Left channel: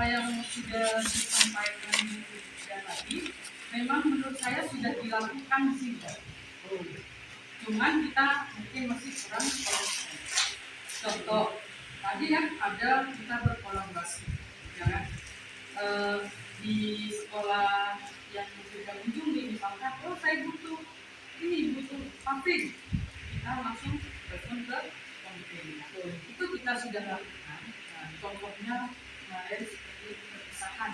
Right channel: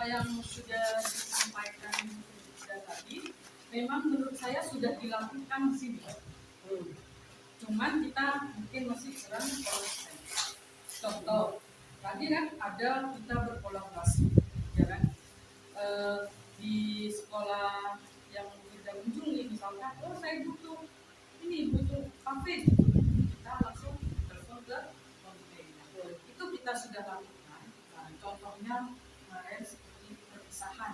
apa yang sudah disampaikan tadi, memang menurut saya sudah dilakukan sih, cuman kita mungkin masih kurang konsisten. Contoh, tadi kan ada kita berkolaborasi, ya kan? Di sekolah yang kita kunjungi, misalkan, oh saya butuh pabrik, kita langsung telepon ke komite. Itu kita sudah lakukan. Nah, contohnya kemarin seperti perpisahan.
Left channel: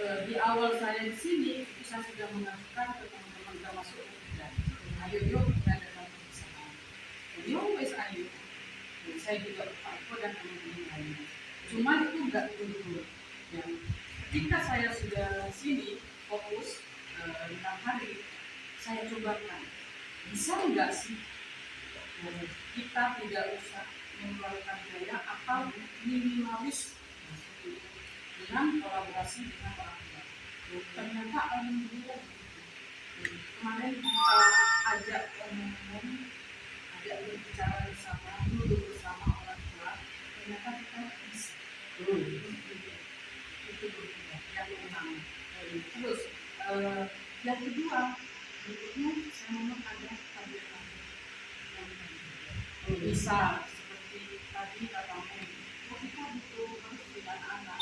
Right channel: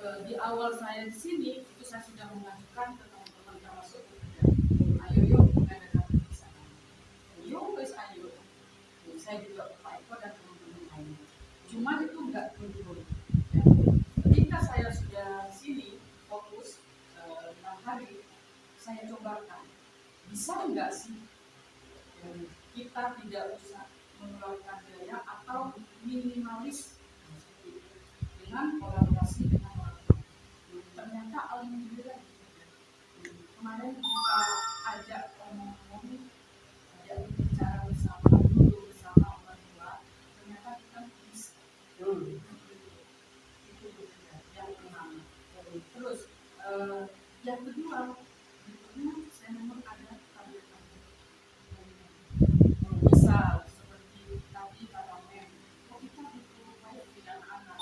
Di awal saya di sini itu saya sudah mengajukan ke teman-teman termasuk kita. Ayo yuk kita adakan perpisahan. Yo wes ayo. Saya juga Pak Eko dan teman-teman lainnya. Cuman itu enggak turun. Ya. Ketika saya sudah di sini fokus 6 hari, saya cobakan. Bisa enggak sih kita tidak usah mengeluarkan biaya atau minimalis dengan kolaborasi dengan orang tua. Ternyata alhamdulillah kemarin kita ajak teman-teman, ajak berbicara bersama dulu bersama orang tua, ternyata kita bisa. Itu yang pertama. Terus yang kedua, berikutnya saya memang ada target misal seperti tadi katamu, kita butuh harus punya anak-anak,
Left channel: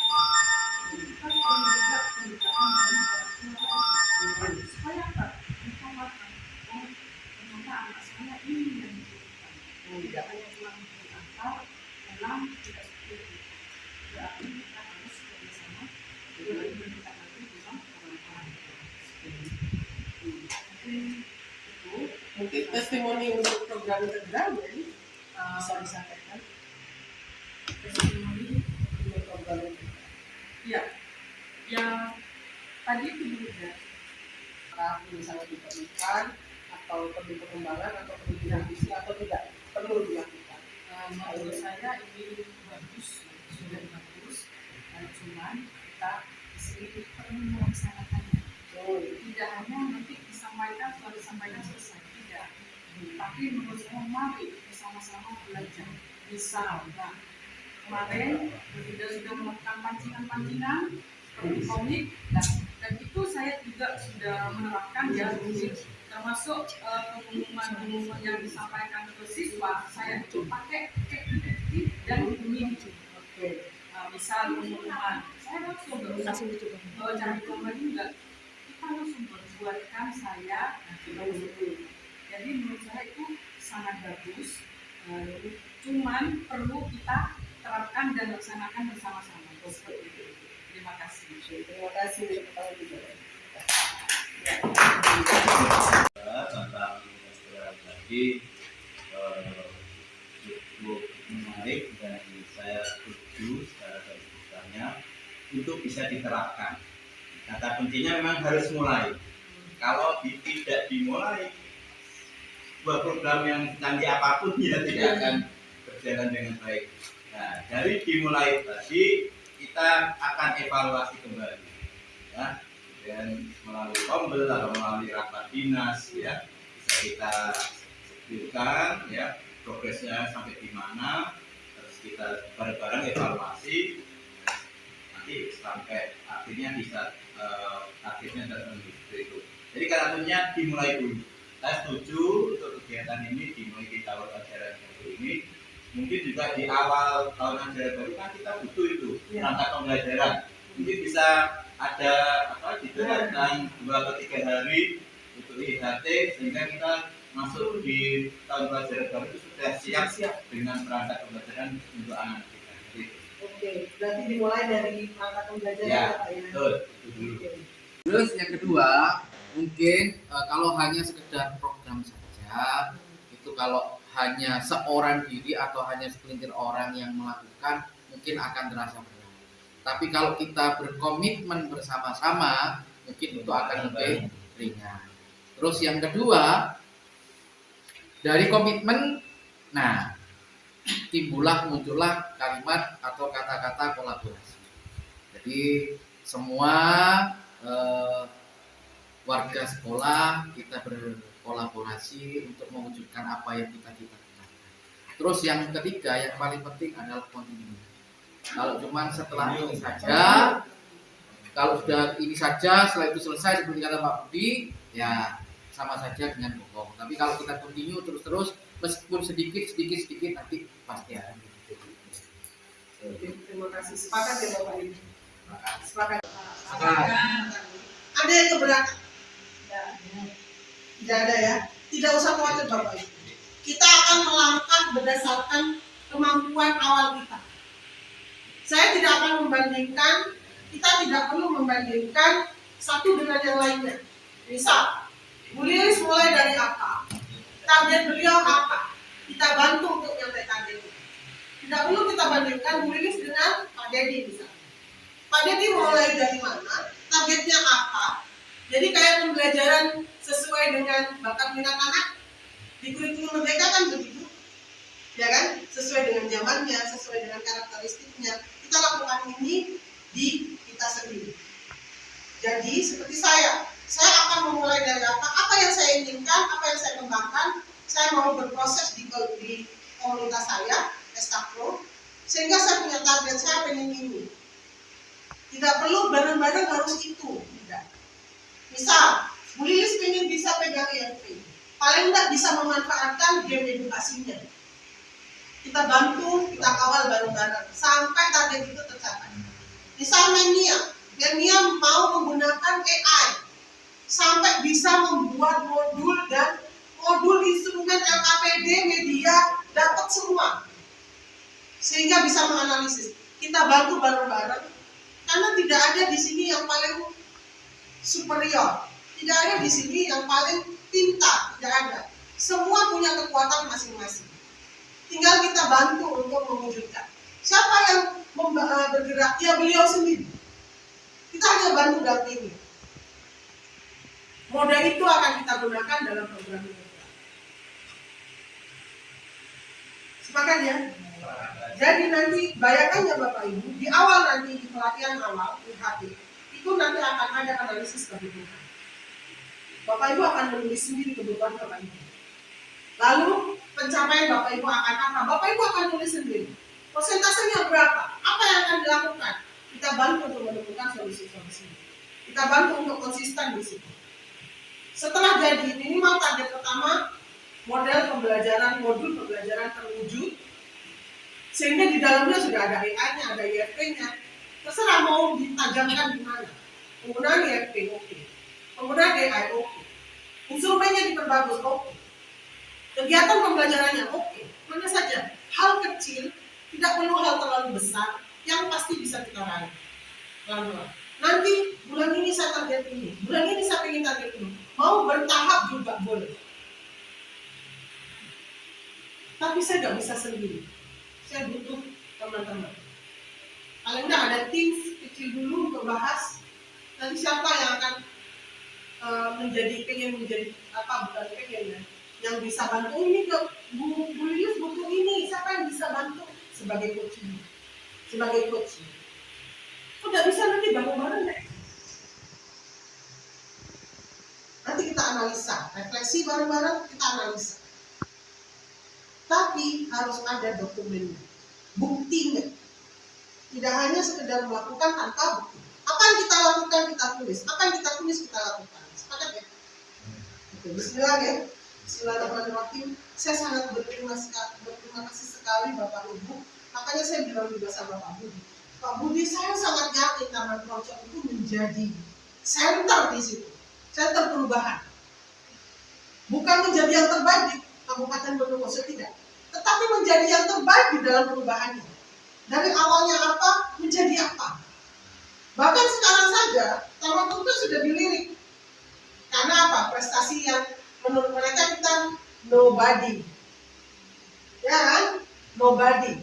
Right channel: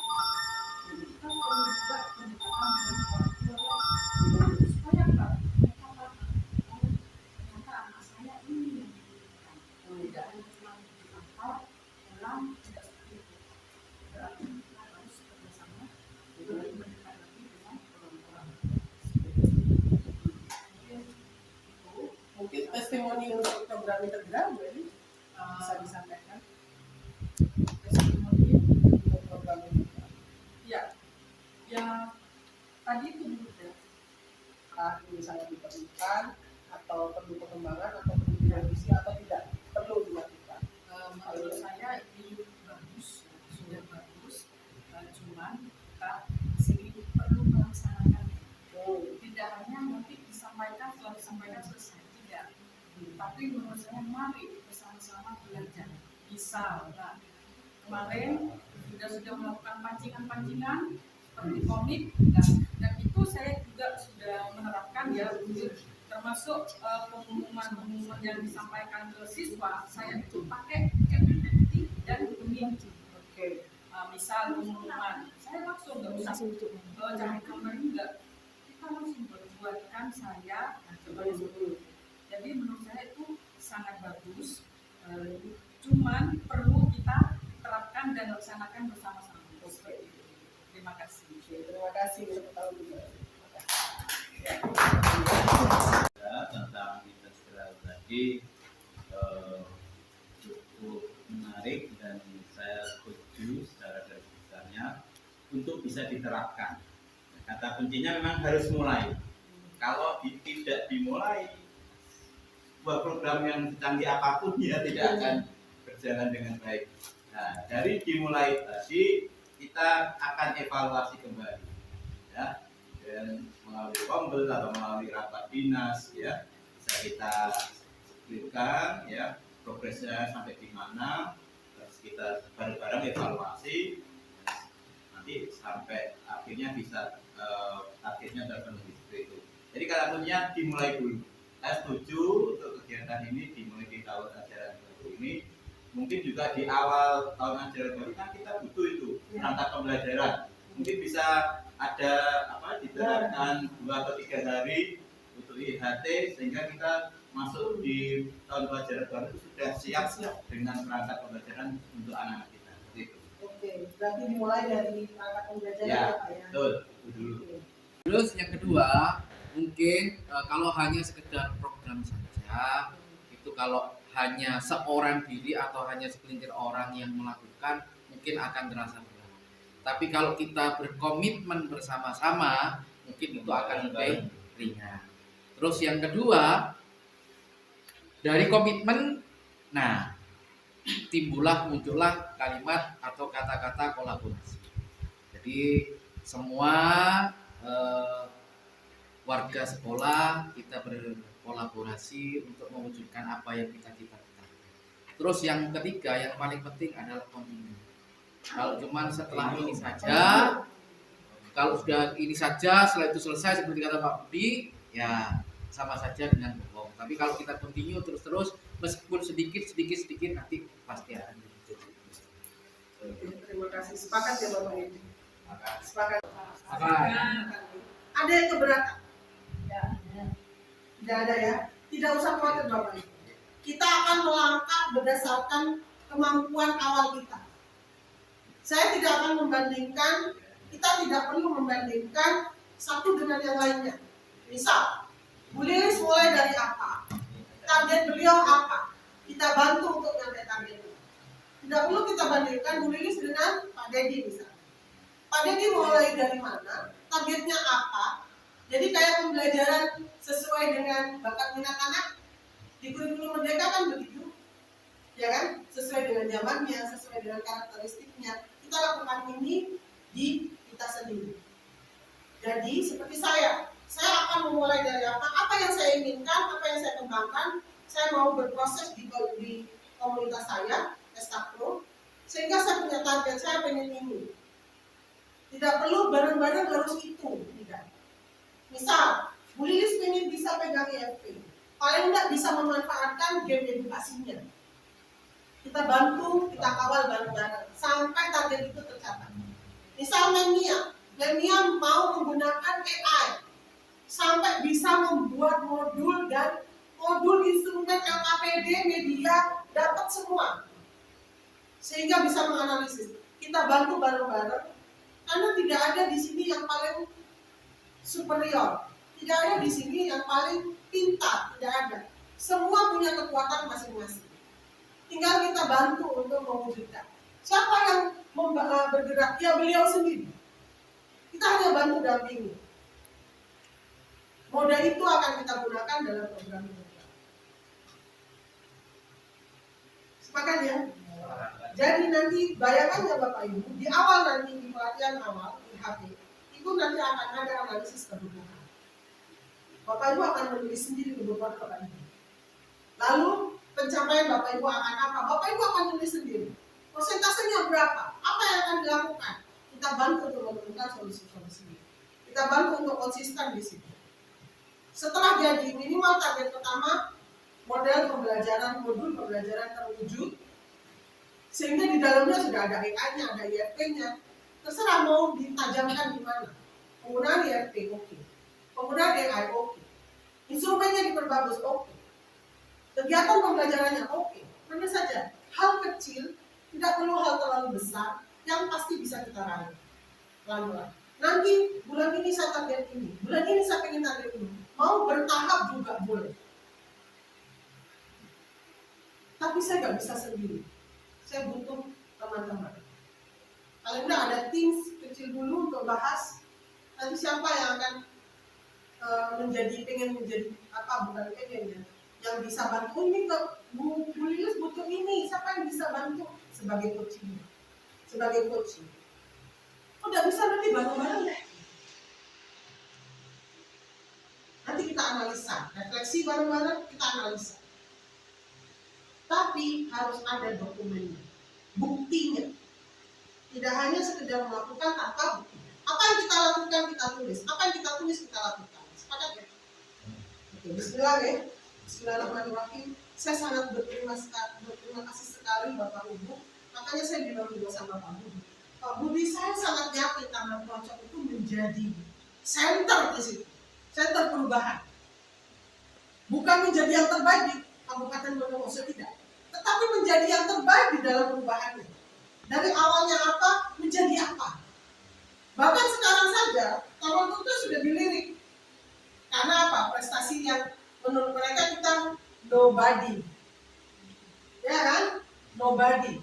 kita perlu juga pendekatan dari orang tua supaya apa? Mereka paham, oh ternyata anak saya ini yang dibutuhkan, tidak hanya pulang diantar, pulang tidak seperti itu. Berarti kita harus bekerjasama dengan mendekatkan dengan orang-orang. Mungkin testimoni untuk program integral ini bisa disampaikan. Testimoni Untuk program integral. ya, yang tadi itu juga misalnya diperlukan atau perlu pengembangan atau perlu direvisi atau tidak perlu dilakukan. Menurut saya ini bagus, sudah bagus, cuman kita sendiri perlu melaksanakannya. Tidak hanya nanti disampaikan, setelah disampaikan selesai, tidak. Tapi menurut saya mari bersama-sama belajar. Misal, kemarin kita sudah melakukan pancingan-pancingan seperti komik, dan itu saya juga sudah menerapkan ya, termasuk pengumuman yang disampaikan ke siswa, saya itu pakai kreativiti dan ini. Misal pengumuman, saya langsung cari gambar juga, kita langsung buatkan saya. Jadi menurut saya itu sangat bagus, cuman perlu kita terapkan dan laksanakan bersama-sama. Seperti itu. Terima kasih. Terima kasih. Tentang integral tadi cukup menarik dan saya setuju secara garis besarnya untuk bisa diterapkan. Kata kuncinya memang harus mulai. Kalau tidak dimulai, sebuah program yang canggih apapun ya tidak akan berjalan dengan baik. Nah, dari dimulai tadi kita akan evaluasi kembali, ya, dan melalui kombel atau melalui rapat dinas, ya, bisa kita sebutkan, ya, progresnya sampai di mana, terus kita bareng-bareng evaluasi, nanti sampai akhirnya bisa targetnya terpenuhi itu. Jadi katanya dimulai dulu. Saya setuju untuk kegiatan ini dimulai di tahun ajaran baru ini. Mungkin juga di awal tahun ajaran baru kan kita butuh itu perangkat pembelajaran. Mungkin bisa ada diterapkan 2 atau 3 hari untuk IHT sehingga kita masuk di tahun pelajaran baru itu sudah siap dengan perangkat pembelajaran untuk anak kita. Oke, berarti dimulai dari perangkat pembelajaran ya, Pak ya. Betul, itu dulu. Terus yang kedua, mungkin kalau hanya sekedar program saja, itu kalau hanya seorang diri atau hanya segelintir orang yang melakukan mungkin akan terasa berat. Tapi kalau kita berkomitmen bersama-sama, mungkin itu akan lebih ringan. Terus yang kedua, dari komitmen, nah muncullah kalimat atau kata-kata kolaborasi. Jadi semua warga sekolah kita berkolaborasi untuk mewujudkan apa yang kita cita-citakan. Terus yang ketiga yang paling penting adalah continuity. Kalau cuman setelah ini saja, kalau sudah ini saja, setelah itu selesai seperti kata Pak Budi, ya sama saja dengan bohong. Tapi kalau kita continue terus-terus, meskipun sedikit nanti pasti akan gitu. Oke, terima kasih. Sepakat ya Bapak Ibu? Sepakat. Sepakat. Ada yang keberatan? Ya. Tidak ada ya. Tidak usah khawatir Bapak Ibu. Kita akan melangkah berdasarkan kemampuan awal kita. Saya tidak akan membandingkan, kita tidak perlu membandingkan satu dengan yang lainnya. Misal, Bu Lilis mulai dari apa? Target beliau apa? Kita bantu untuk nyampe target. Tidak perlu kita bandingkan Bu Lilis dengan Pak Dedi misalnya. Pak Dedi mulai dari mana? Targetnya apa? Jadi kayak pembelajaran sesuai dengan bakat minat anak di kurikulum Merdeka kan begitu, ya kan? Sesuai dengan zamannya, sesuai dengan karakteristiknya. Kita lakukan ini di kita sendiri. Jadi seperti saya akan memulai dari apa yang saya inginkan, apa yang saya kembangkan. Saya mau berproses di komunitas saya, Eskapro, sehingga saya punya target, saya pengen ini. Tidak perlu bareng-bareng harus itu, tidak. Misal, Bu Lilis pengen bisa pegang EFP, paling tidak bisa memanfaatkan game edukasinya. Kita bantu, kita kawal bareng-bareng sampai target itu tercapai. Misal Memia mau menggunakan AI sampai bisa membuat modul dan modul instrumen LKPD media dapat semua, sehingga bisa menganalisis. Kita bantu bareng-bareng karena tidak ada di sini yang paling superior, tidak ada di sini yang paling pintar, tidak ada. Semua punya kekuatan masing-masing. Tinggal kita bantu untuk mewujudkan. Siapa yang bergerak? Ya beliau sendiri. Kita hanya bantu dampingi. Modal itu akan kita gunakan dalam program ini. Sepakat ya? Jadi nanti bayangkan ya Bapak Ibu, di awal nanti di pelatihan awal di HP itu nanti akan ada analisis kebutuhan. Bapak Ibu akan menulis sendiri kebutuhan Bapak Ibu. Lalu pencapaian Bapak Ibu akan apa? Bapak Ibu akan tulis sendiri. Persentasenya berapa? Apa yang akan dilakukan? Kita bantu untuk menemukan solusi-solusi. Kita bantu untuk konsisten di situ. Setelah jadi minimal target pertama, modul pembelajaran terwujud, sehingga di dalamnya sudah ada AI-nya, ada IFP-nya. Terserah mau ditajamkan di mana. Penggunaan IFP oke. Penggunaan AI oke. Instrumennya diperbagus oke. Kegiatan pembelajarannya oke. Mana saja hal kecil, tidak perlu hal terlalu besar, yang pasti bisa kita raih. Lalu nanti bulan ini saya target ini, bulan ini saya ingin target ini. Mau bertahap juga boleh. Tapi saya nggak bisa sendiri. Saya butuh teman-teman. Paling nggak ada tim kecil dulu untuk bahas. Nanti siapa yang akan pengen menjadi apa, bukan pengen ya, yang bisa bantu ini ke Bu Lilis butuh ini. Siapa yang bisa bantu sebagai coaching? Sebagai coaching. Udah bisa nanti bareng-bareng deh. Nanti kita analisa, refleksi bareng-bareng, kita analisa. Tapi harus ada dokumennya, buktinya. Tidak hanya sekedar melakukan tanpa bukti. Apa yang kita lakukan kita tulis, apa yang kita tulis kita lakukan. Sepakat ya? Oke, bismillah ya. Bismillahirrahmanirrahim. Saya sangat berterima kasih sekali Bapak Ibu. Makanya saya bilang juga sama Pak Budi. Pak Budi, saya sangat yakin Taman Project itu menjadi center di situ. Center perubahan. Bukan menjadi yang terbaik di Kabupaten Bondowoso, tidak. Tetapi menjadi yang terbaik di dalam perubahannya. Dari awalnya apa, menjadi apa. Bahkan sekarang saja, Taman Project sudah dilirik. Karena apa? Prestasi yang menurut mereka kita nobody. Ya kan? Nobody.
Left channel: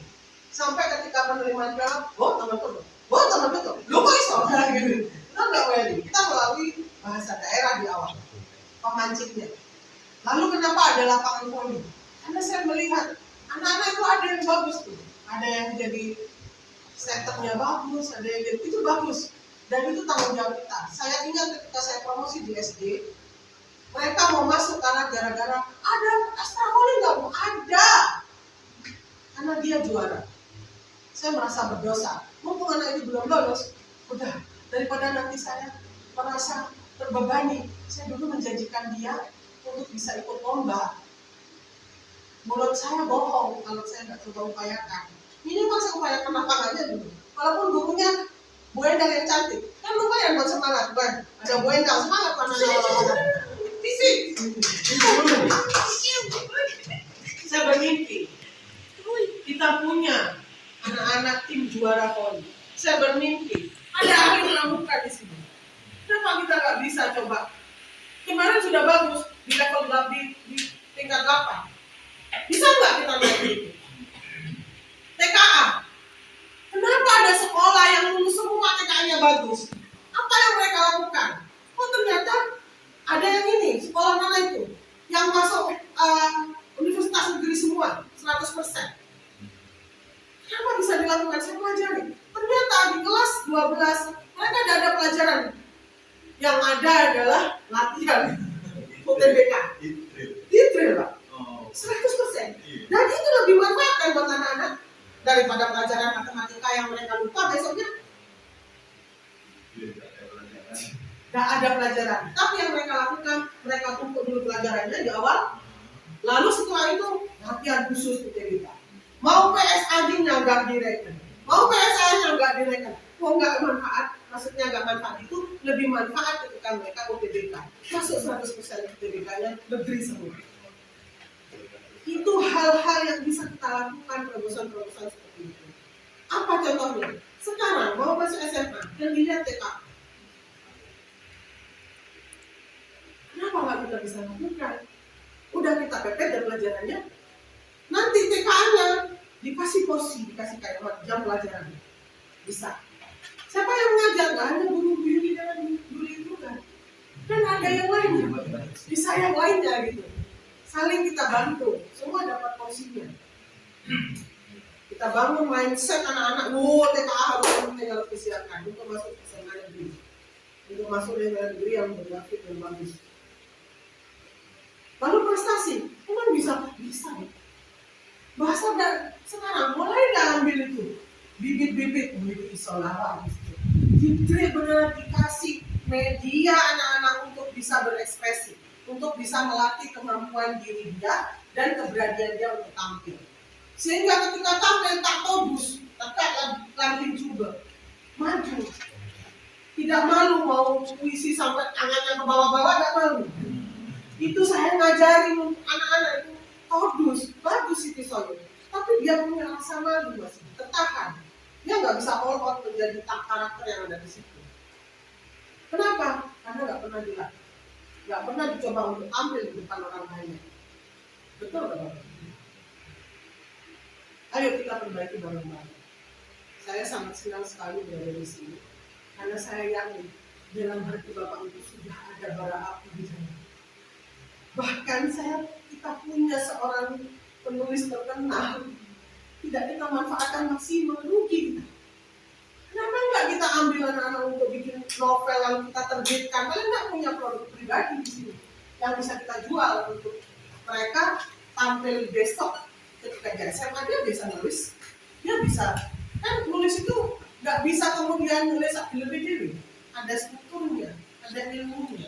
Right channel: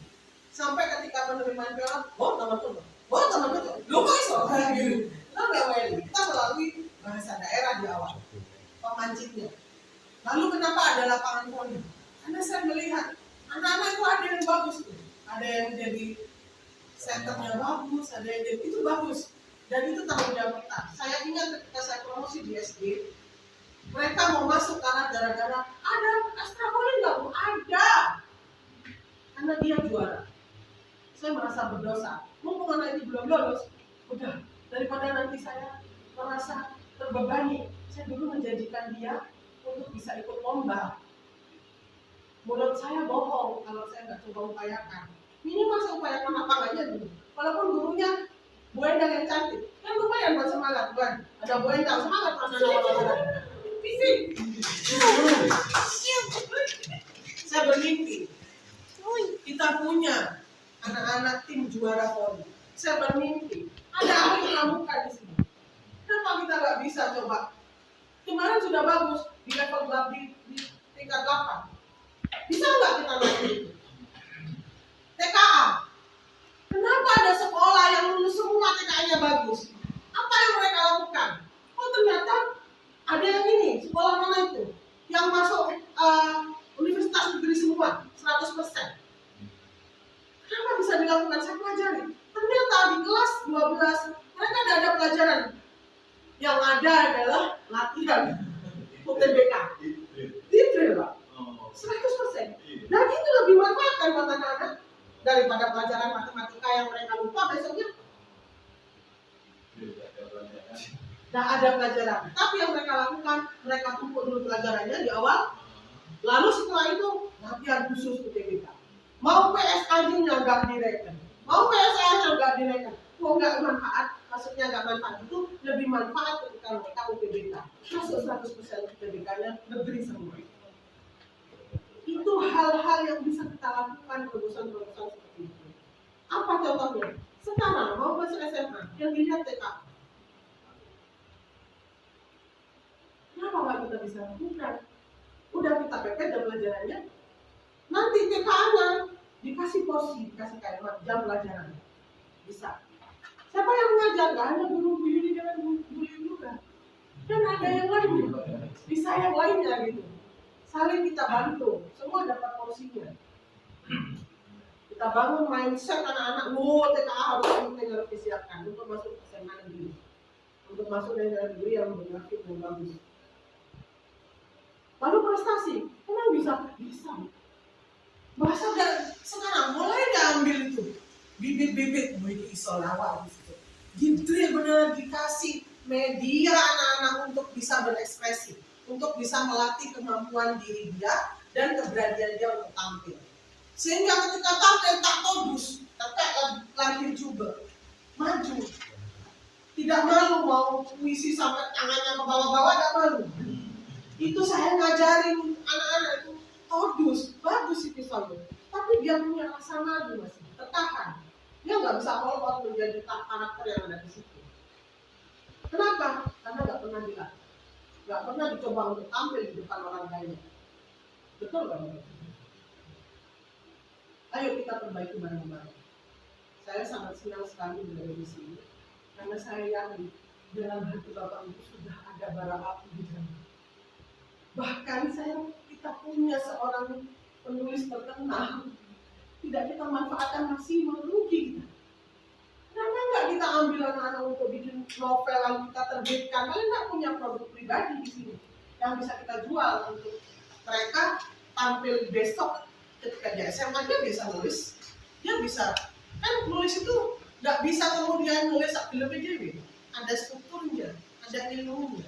Sampai ketika penerimaan piala, Taman Project. Taman Project. Lu kok iso? Gitu. Lo nggak weli. Kita melalui bahasa daerah di awal. Pemancingnya. Lalu kenapa ada lapangan voli? Karena saya melihat anak-anak itu ada yang bagus tuh. Ada yang jadi setternya bagus, ada yang jadi itu bagus. Dan itu tanggung jawab kita. Saya ingat ketika saya promosi di SD, mereka mau masuk karena gara-gara ada extra voli nggak Bu? Ada. Karena dia juara. Saya merasa berdosa. Mumpung anak itu belum lolos, udah, daripada nanti saya merasa terbebani, saya dulu menjanjikan dia untuk bisa ikut lomba. Menurut saya bohong kalau saya nggak coba upayakan. Minimal saya upayakan lapangnya dulu. Walaupun gurunya Bu Endang yang cantik, kan lumayan buat semangat, kan? Ada Bu Endang semangat anak-anak. Fisik. Saya bermimpi kita punya anak-anak tim juara poli. Saya bermimpi ada ahli pramuka di sini. Kenapa kita nggak bisa coba? Kemarin sudah bagus di level di tingkat 8. Bisa nggak kita naik itu? TKA. Kenapa ada sekolah yang lulus semua TKA-nya bagus? Apa yang mereka lakukan? Oh ternyata ada yang ini, sekolah mana itu? Yang masuk universitas negeri semua, 100%. Kenapa bisa dilakukan? Saya pelajari. Ternyata di kelas 12 mereka tidak ada pelajaran. Yang ada adalah latihan UTBK. Di drill, Pak. 100%. Dan itu lebih manfaatkan buat anak-anak daripada pelajaran matematika yang mereka lupa besoknya. Tidak ada pelajaran. Tapi yang mereka lakukan, mereka tumpuk dulu pelajarannya di awal. Lalu setelah itu latihan khusus UTBK. Mau PSAD-nya nggak direken, mau PSA-nya nggak direken. Kok nggak manfaat? Maksudnya nggak manfaat itu lebih manfaat ketika mereka UTBK. Masuk 100% UTBK-nya negeri semua. Itu hal-hal yang bisa kita lakukan, terobosan-terobosan seperti itu. Apa contohnya? Sekarang mau masuk SMA, yang dilihat TK. Kenapa nggak kita bisa lakukan? Udah kita pepet dan pelajarannya. Nanti TK-nya dikasih porsi, dikasih kayak jam pelajaran. Bisa. Siapa yang mengajar? Nggak hanya guru Yuni dan guru itu kan. Dan ada yang lainnya. Bisa yang lainnya gitu. Saling kita bantu. Semua dapat porsinya. Kita bangun mindset anak-anak. TKA harus disiapkan untuk masuk SMA negeri. Untuk masuk dengan negeri yang bergrafik dan bagus. Lalu prestasi, emang bisa? Bisa. Bahasa dan sekarang mulai nggak ambil itu bibit-bibit itu isolawat gitu. Benar dikasih media anak-anak untuk bisa berekspresi, untuk bisa melatih kemampuan diri dia dan keberanian dia untuk tampil. Sehingga ketika tampil tak todus, tak lantin coba maju, tidak malu mau puisi sampai tangannya ke bawah-bawah, tidak malu. Itu saya ngajarin anak-anak itu todus, bagus itu soalnya. Tapi dia punya rasa malu masih tertahan. Dia nggak bisa all out menjadi karakter yang ada di situ. Kenapa? Karena nggak pernah dilatih, nggak pernah dicoba untuk tampil di depan orang banyak. Betul nggak Bapak? Ayo kita perbaiki bareng-bareng. Saya sangat senang sekali berada di sini karena saya yakin dalam hati Bapak itu sudah ada bara api di sana. Bahkan kita punya seorang penulis terkenal, tidak kita manfaatkan maksimal, rugi kita. Kenapa nggak kita ambil anak-anak untuk bikin novel yang kita terbitkan? Kalian nggak punya produk pribadi di sini yang bisa kita jual untuk mereka tampil besok ketika di SMA dia bisa nulis, dia bisa kan nulis itu nggak bisa kemudian nulis lebih dewi, ada strukturnya, ada ilmunya.